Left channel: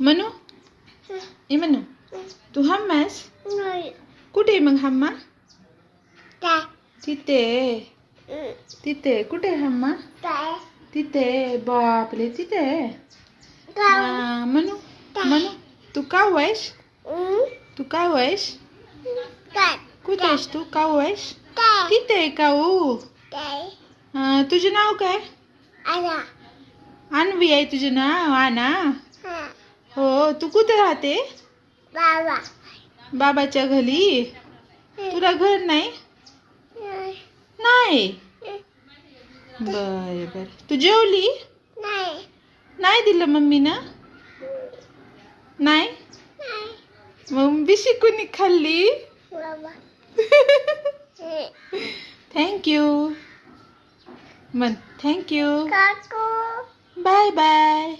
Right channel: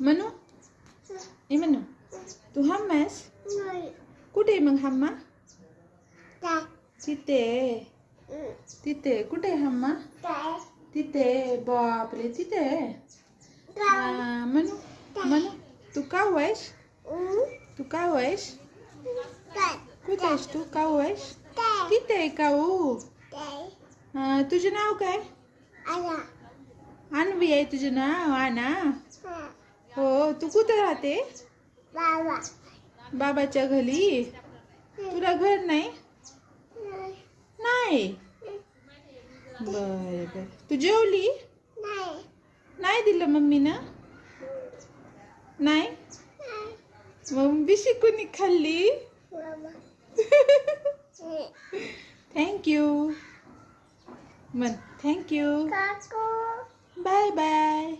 मनू ए मनू तू hummus कुठे मग हम्मा तिथे तिथे कुठे हम्मा तिथे बापरे तिथे मनू मनू तू का वैश तू का वैश कुठे आहेस तू का वैश तिथे काऊ तुझे नाव काय अन्वी आहे तुझे नाव आना हो तू कुठे राहते बाबाच्या घरी तुला घर नाही नाही बर बर तू जेवली नाही दिलं मम्मीनं नाही मग बिशी कोणी खाल्ली थँक्यू मन थँक्यू बाय बाय